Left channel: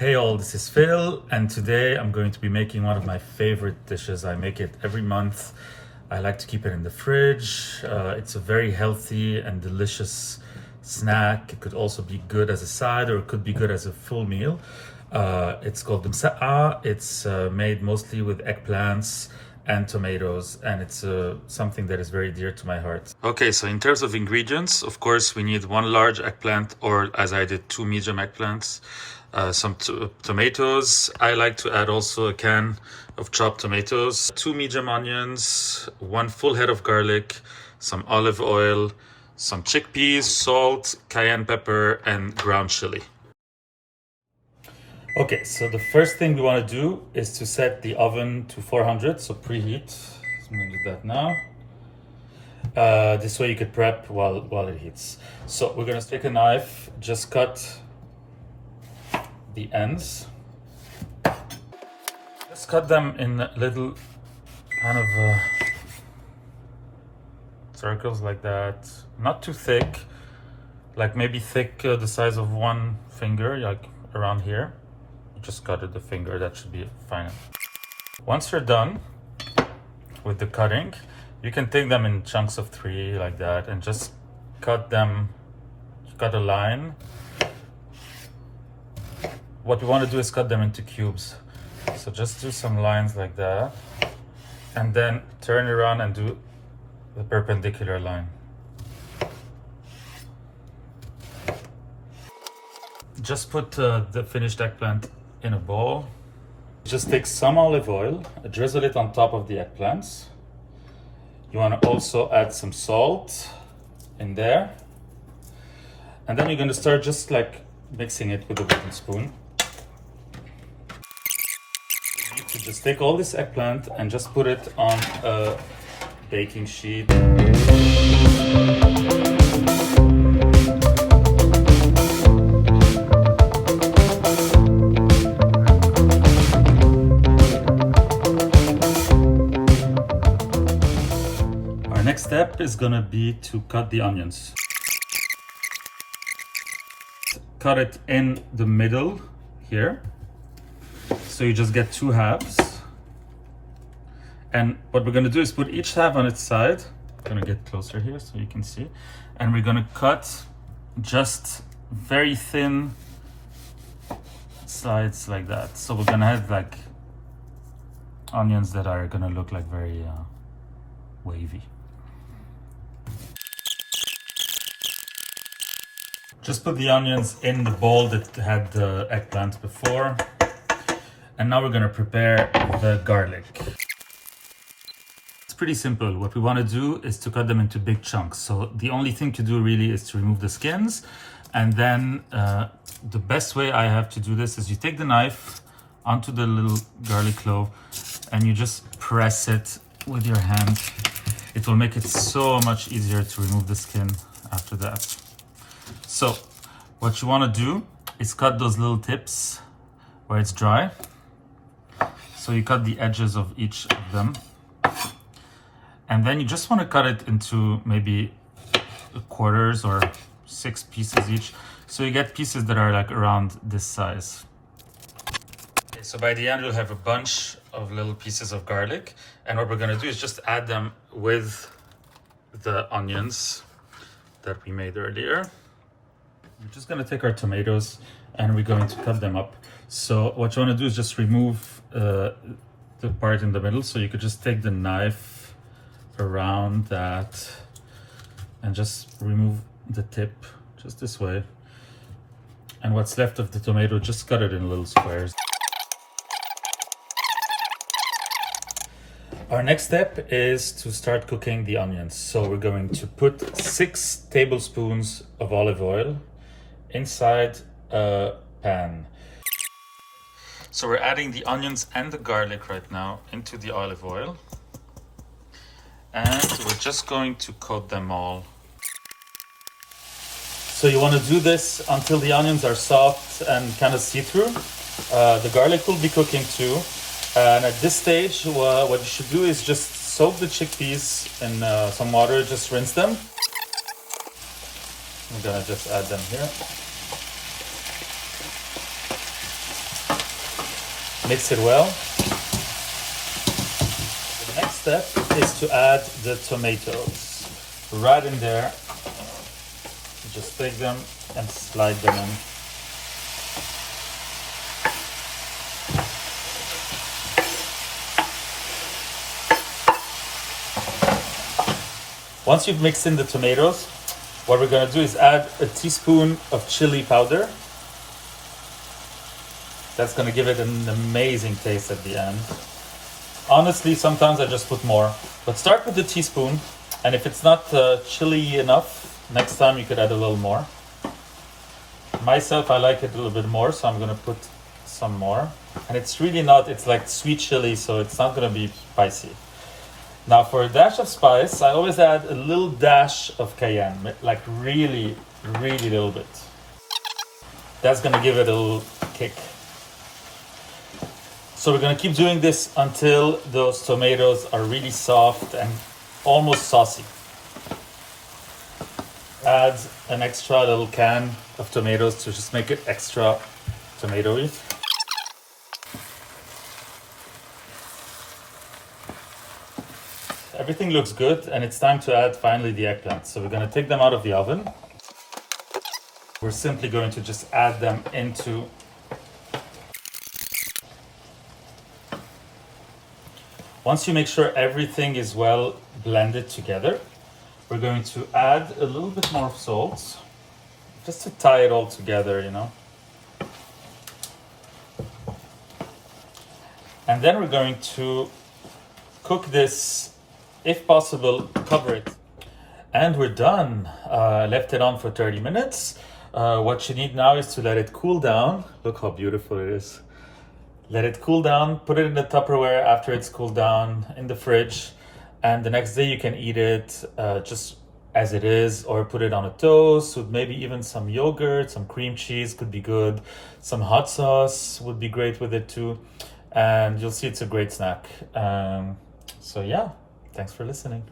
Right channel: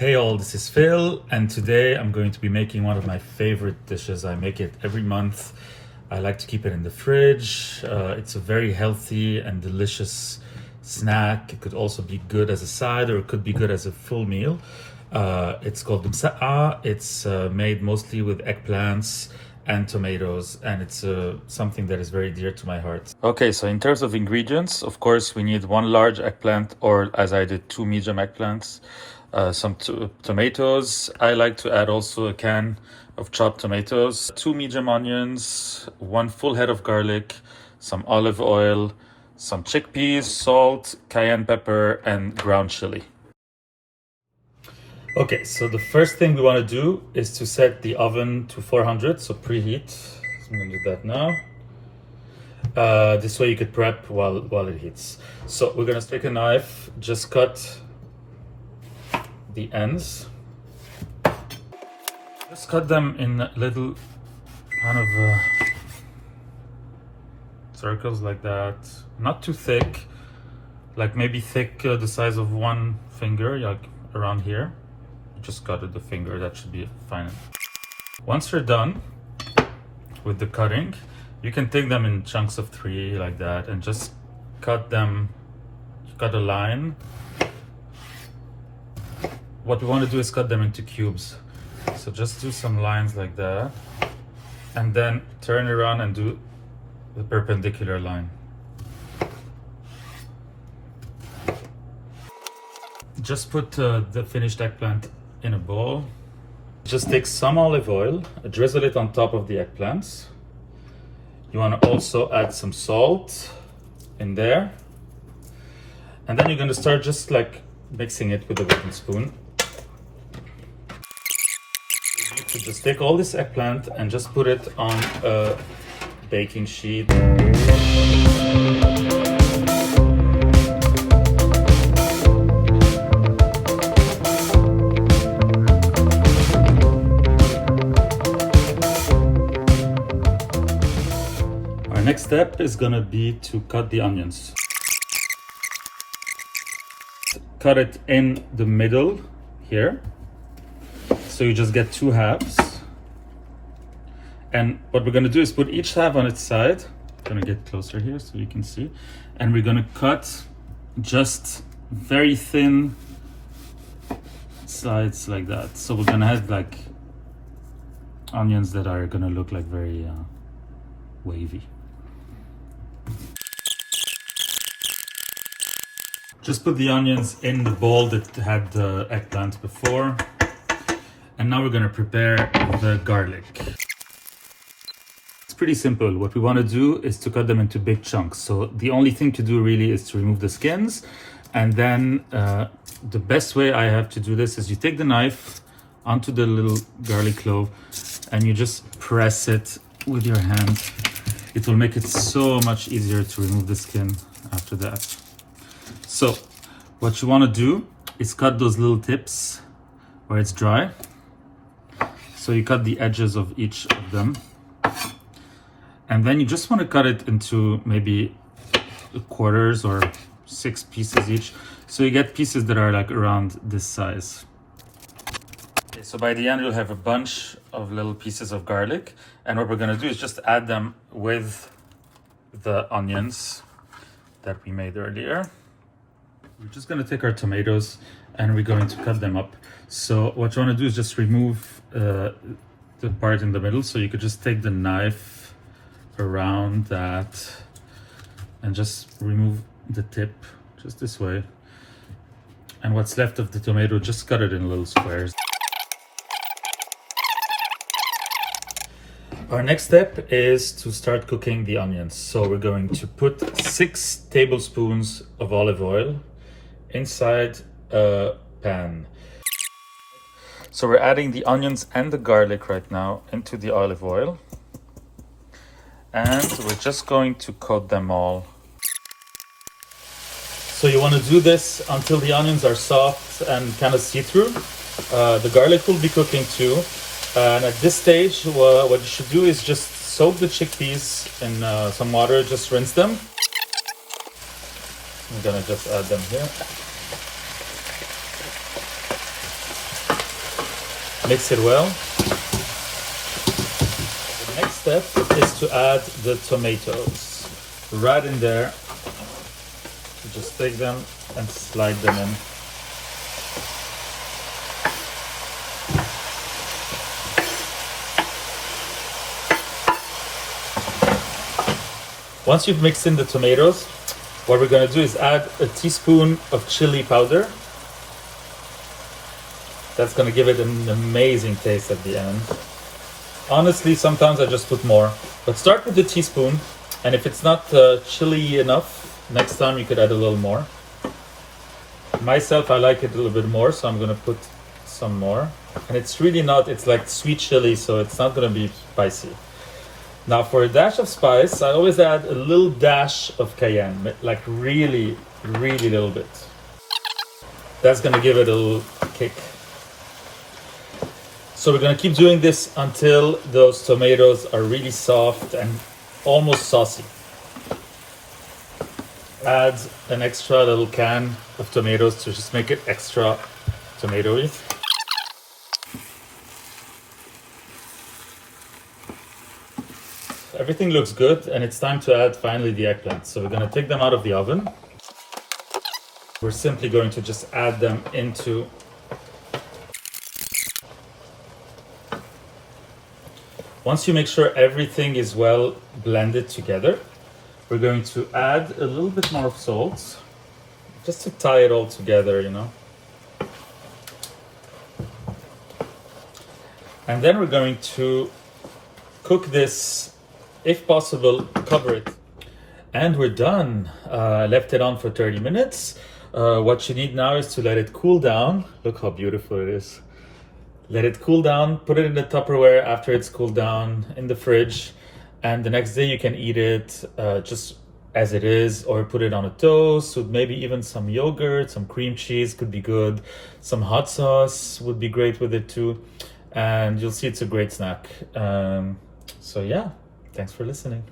Hey all, this is Phil, and today I'm going to be making one of my favorite dishes. I make it every month. I like to keep it in the fridge. It's a very healthy and delicious snack. It could also be good as a side, or it could be good as a full meal. It's called مسقعة. It's made mostly with eggplants and tomatoes, and it's something that is very dear to my heart. Okay, so in terms of ingredients, of course, we need one large eggplant, or as I did, two medium eggplants. Some tomatoes. I like to add also a can of chopped tomatoes, two medium onions, one full head of garlic, some olive oil, some chickpeas, salt, cayenne pepper, and ground chili. Okay, so the first thing we want to do is to set the oven to 400, so preheat. So I'm going to do that now. This way you could prep while it heats. So we're going to take a knife, just cut the ends. Just cut them in little kind of circles like that. Not too thick, like maybe thick the size of one finger, like around here. Just cut it the finger, that should be fine. Once you're done with the cutting, you can take them in chunks of 3 like that and just cut them, cut a line. What we want to do is cut them into cubes. So just do some lines like that, and then turn around and do the perpendicular line. Just put the finished eggplant in a bowl. Just take some olive oil, drizzle it on top of the eggplants. You want to also add some salt in there. And then you're going to start just like mixing it with a wooden spoon. So just take all this eggplant and just put it on a baking sheet. Our next step is gonna be to cut the onions. Cut it in the middle here. So you just get 2 halves. And what we're gonna do is put each half on its side. I'm gonna get closer here so you can see. And we're gonna cut just very thin sides like that. So we're gonna have like onions that are gonna look like very wavy. Just put the onions in the bowl that had the eggplant before. And now we're going to prepare the garlic. It's pretty simple. What we want to do is to cut them into big chunks. So the only thing to do really is to remove the skins. And then the best way I have to do this is you take the knife onto the little garlic clove and you just press it with your hand. It will make it so much easier to remove the skin after that. So what you want to do is cut those little tips where it's dry. So you cut the edges of each of them. And then you just want to cut it into maybe quarters or 6 pieces each. So you get pieces that are like around this size. Okay, so by the end you'll have a bunch of little pieces of garlic. And what we're going to do is just add them with the onions that we made earlier. We're just going to take our tomatoes and we're going to cut them up. So what you want to do is just remove the part in the middle. So you could just take the knife around that and just remove the tip just this way. And what's left of the tomato, just cut it in little squares. Our next step is to start cooking the onions. So we're going to put 6 tablespoons of olive oil inside a pan. So we're adding the onions and the garlic right now into the olive oil. And we're just going to coat them all. So you want to do this until the onions are soft and kind of see-through. The garlic will be cooking too. And at this stage, what you should do is just soak the chickpeas in some water, just rinse them. I'm gonna just add them here. Mix it well. The next step is to add the tomatoes. Right in there. You just take them and slide them in. Once you've mixed in the tomatoes, what we're going to do is add a teaspoon of chili powder. That's going to give it an amazing taste at the end. Honestly, sometimes I just put more, but start with the teaspoon, and if it's not chili enough, next time you could add a little more. Myself, I like it a little bit more, so I'm going to put some more. And it's really not, it's like sweet chili, so it's not going to be spicy. Now for a dash of spice, I always add a little dash of cayenne, like really, really little bit. That's gonna give it a little kick. So we're gonna keep doing this until those tomatoes are really soft and almost saucy. Add an extra little can of tomatoes to just make it extra tomatoey. Everything looks good, and it's time to add finally the eggplants. So we're going to take them out of the oven. We're simply going to just add them into once you make sure everything is well blended together, we're going to add a little bit more of salt just to tie it all together, you know. And then we're going to cook this. If possible, cover it. And we're done. I left it on for 30 minutes. What you need now is to let it cool down. Look how beautiful it is. Let it cool down, put it in the Tupperware after it's cooled down in the fridge. And the next day you can eat it just as it is, or put it on a toast with maybe even some yogurt, some cream cheese could be good. Some hot sauce would be great with it too. And you'll see it's a great snack. So yeah. Thanks for listening.